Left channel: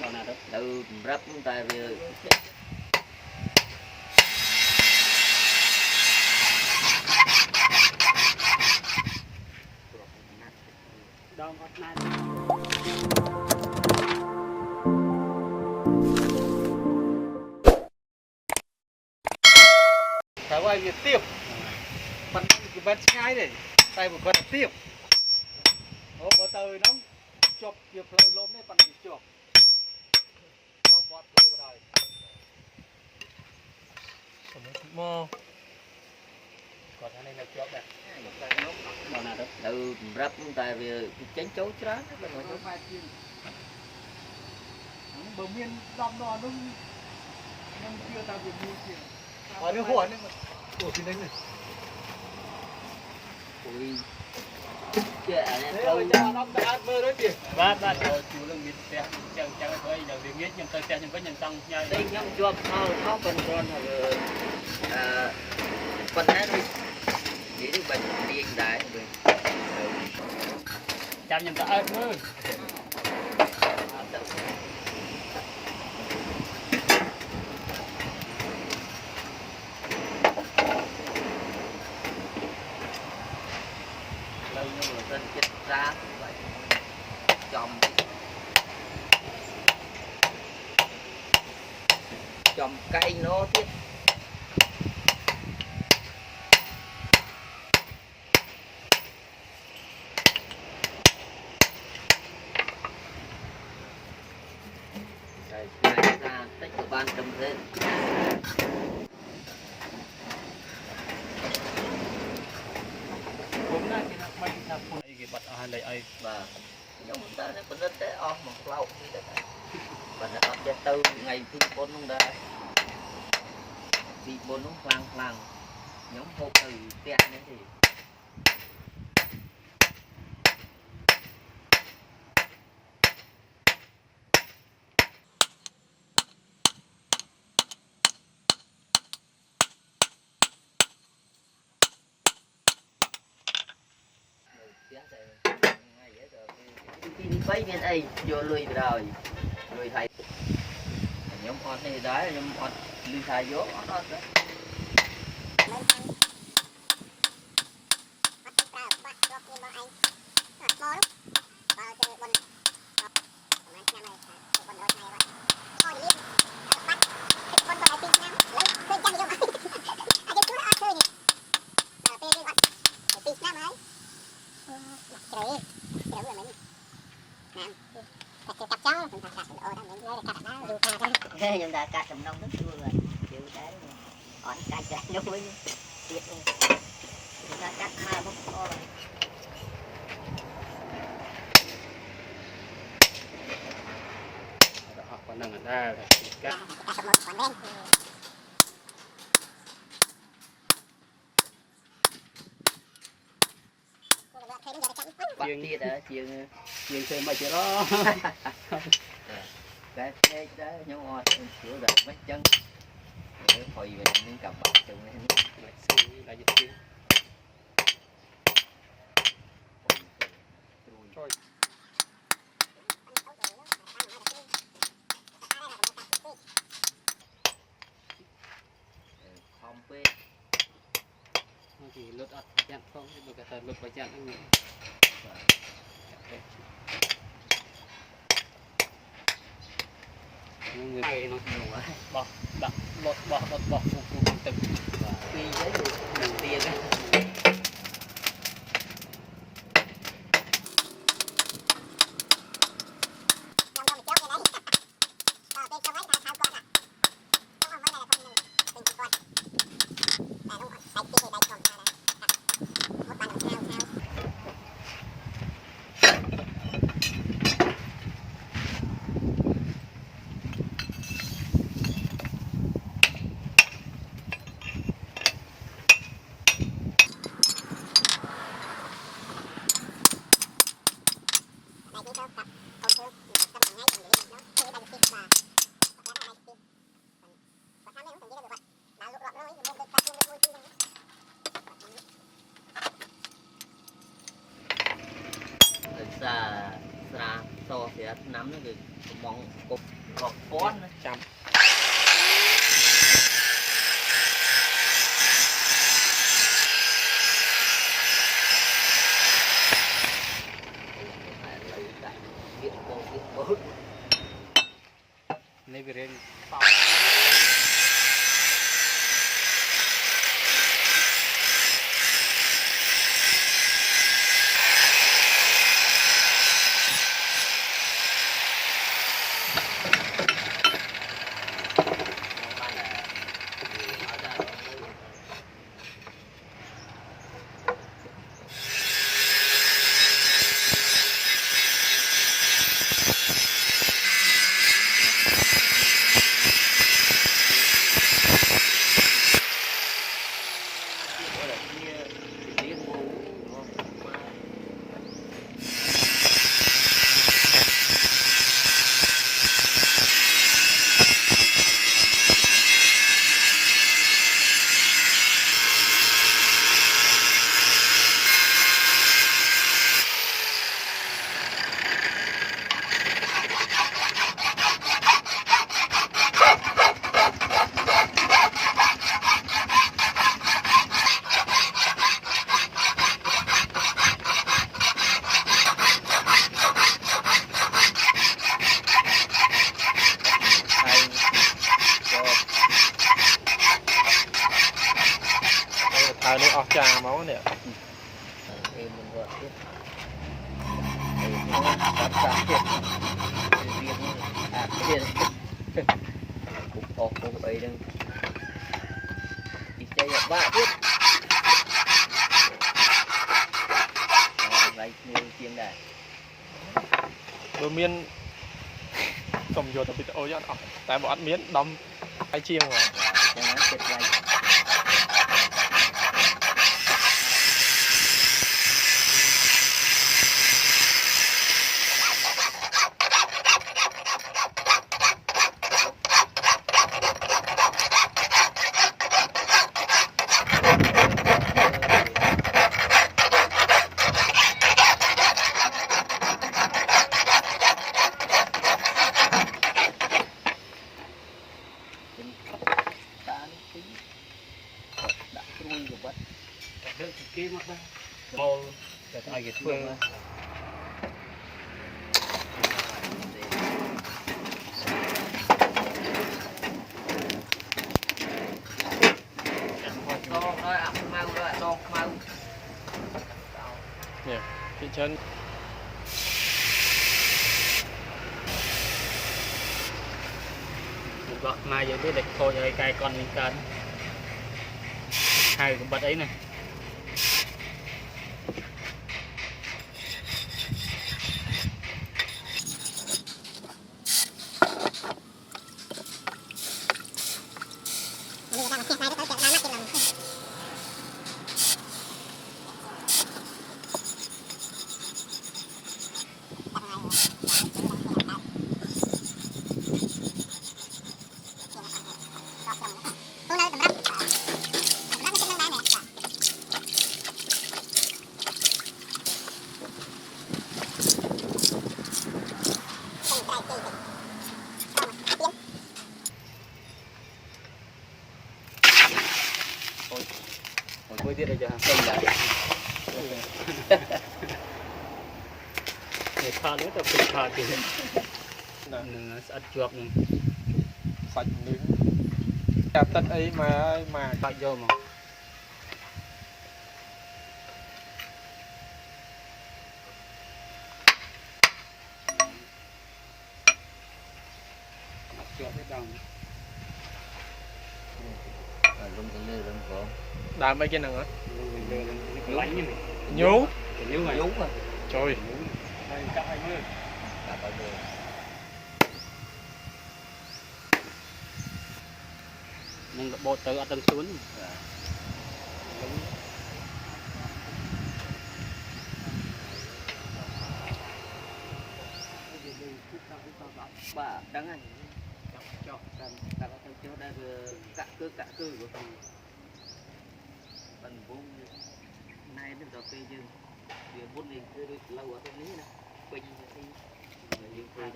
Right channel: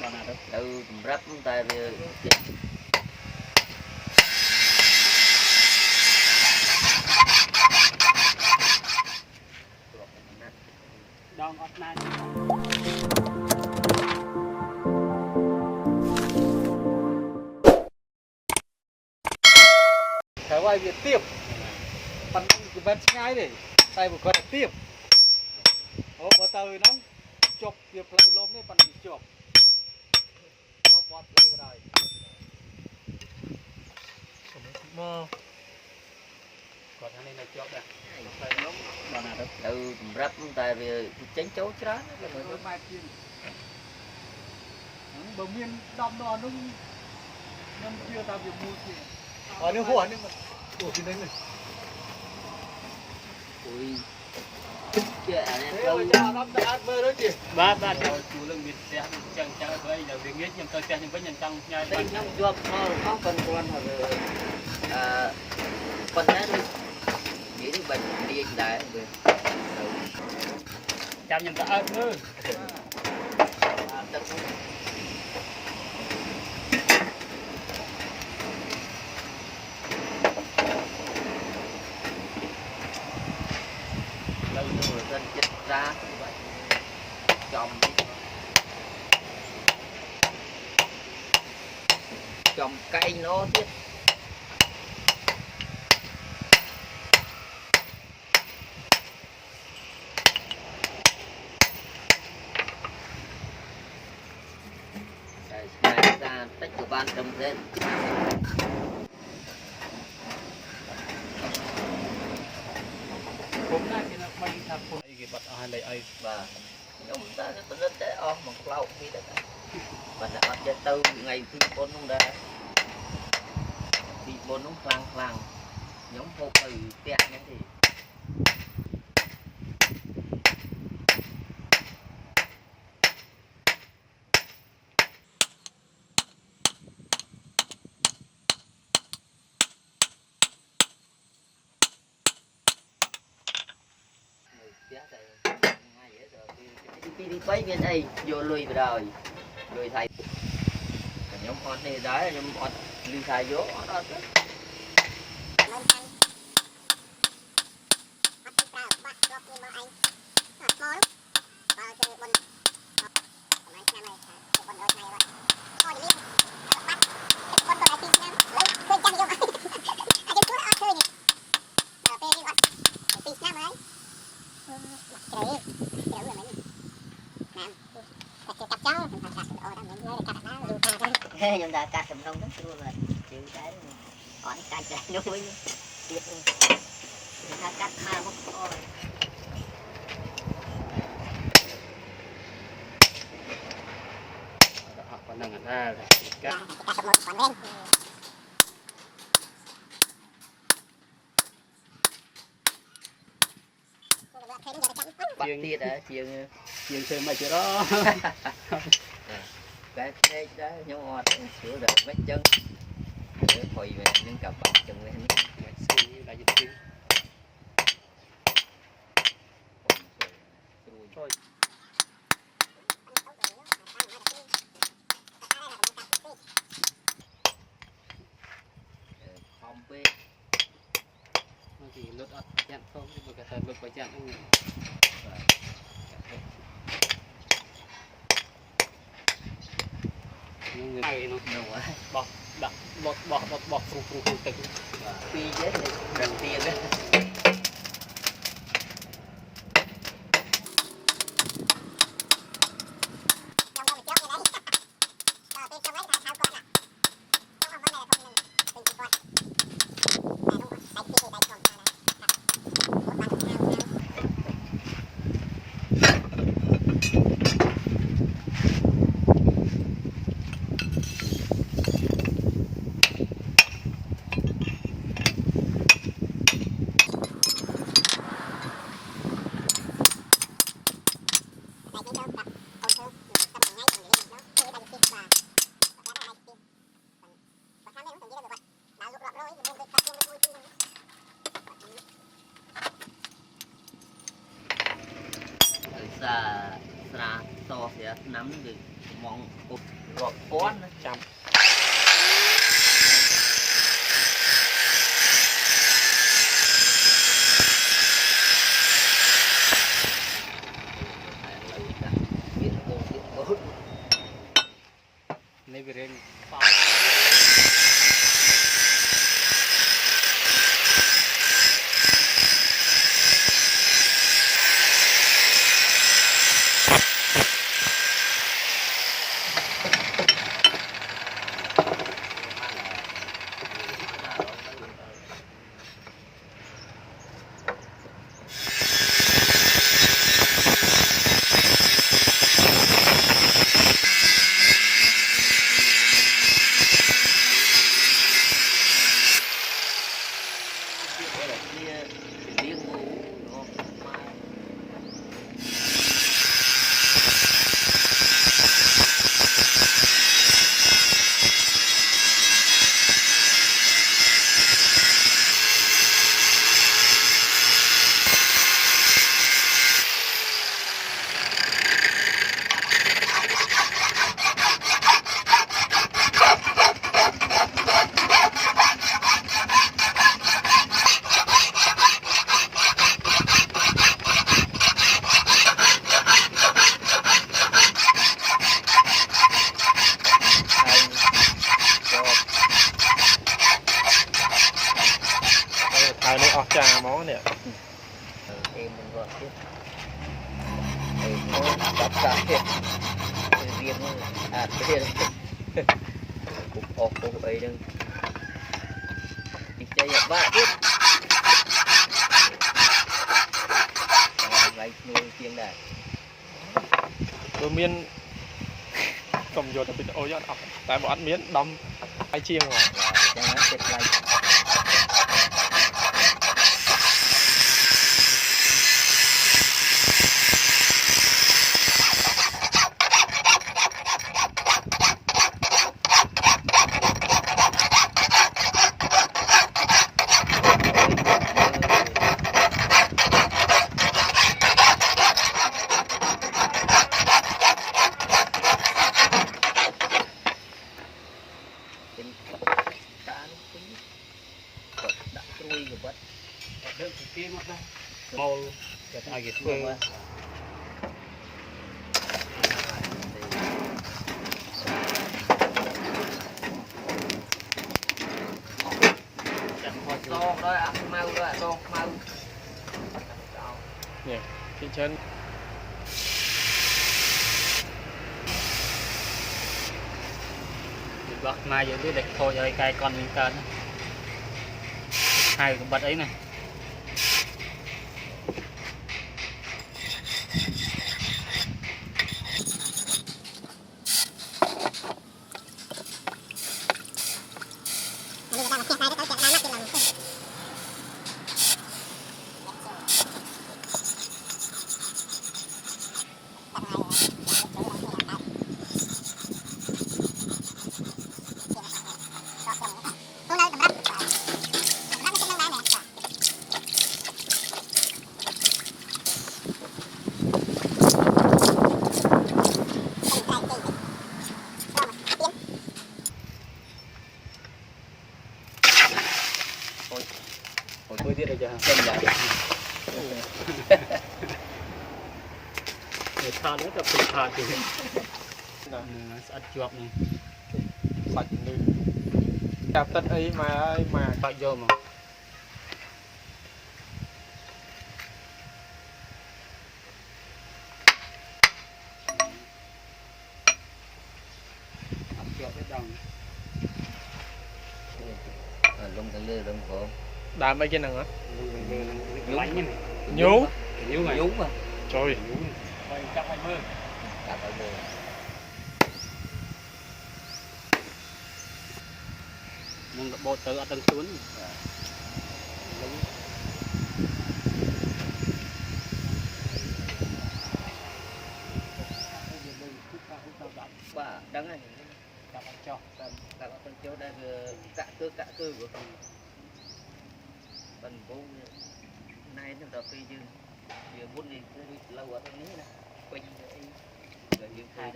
Bao nào đó tự rất ta đong ọt này phải quay việc tiếp phần vẫn ngay để tay một con tiếp ô bỏ tơi nó chụp việc lâu lốm đấy phần chụp nó bọt lâu rồi mò còn anh em là chụp nè bao nào đó tự rất ta chén chấu chó là người mai kia bờ miên đom đo nó chưa tao việc mua kia ở nước hồ nữa ủa thì đấy này ui chưa anh rồi nó đã mơ đó chị ba rồi chú lưng biết xe chẳng phải là việc biết nhưng tôi xe nhưng với nhân tăng nhai đây nhóm chụp không cần con hoặc con hết đi nghĩ đến bệnh điên đại được chăm nhân ta ơn mơ lên chết ra chồng cây nó chứ ra tách của ban trồng lên cũng là cái nó bay tháp phun cái bật ai lấy ai và nhóm ta nó vẫn rất để on bằng lâu đi đó và nó ăn cho từ ngày phun con không ra thì bốn nó phang nhóm hộp từ tẹt nữa thì đi quấy bên đây vô lùi rồi lùi thầy nhóm con này đấy nhóm con lùi thầy vô đó nhưng ta cắt tầm đông chưa rồi chứ cái họ cắt ra nó mới biết luôn người ta cắt mai mất to họ còn đang ở đây này cắt chiên đã chiên thêm mà chỗ đó cái đó nhau ngọt sữa được mấy chân để hồi về những cặp bọc chừng lên là dục chiên rồi không biết nó chỉ lột ớt chặn không nhưng mà cái thời lột phải chặn nó người nó bọc phục từng tuy với đầu tiên đó to thì nắm thì mong cục gọt con chăm này về đây thằng này ọt trà máu nè em mình gọi tiếp em tập cả thiệt riêng riêng cục ọc cục ấy đừng đi chơi ba tiếp ngày nuôi chiên này tôi miên cầm vô tập video cho nó tại bọn ăn miến đâm hai chiên rồi màu ai vậy phương nè cái chân bật mai vậy để thôi rồi cài con mình cần hai cái bật ấy này mới tiết đây chưa không lại để tha nữa tập trung tha thì ăn chuột này sạch nữa đạp tất ấy mà sạch vô mà ăn chuột cái đồng lông cái lê lông cổ đạp mấy cái nào á nhú nhú trời 120 nhưng bộ tự ở tầng xuống bà đang này cả tầng chưa đang cả cư của tầng vốn nay nó tập phê dương việc vốn liền cứ lâu ở tầngนี้นะ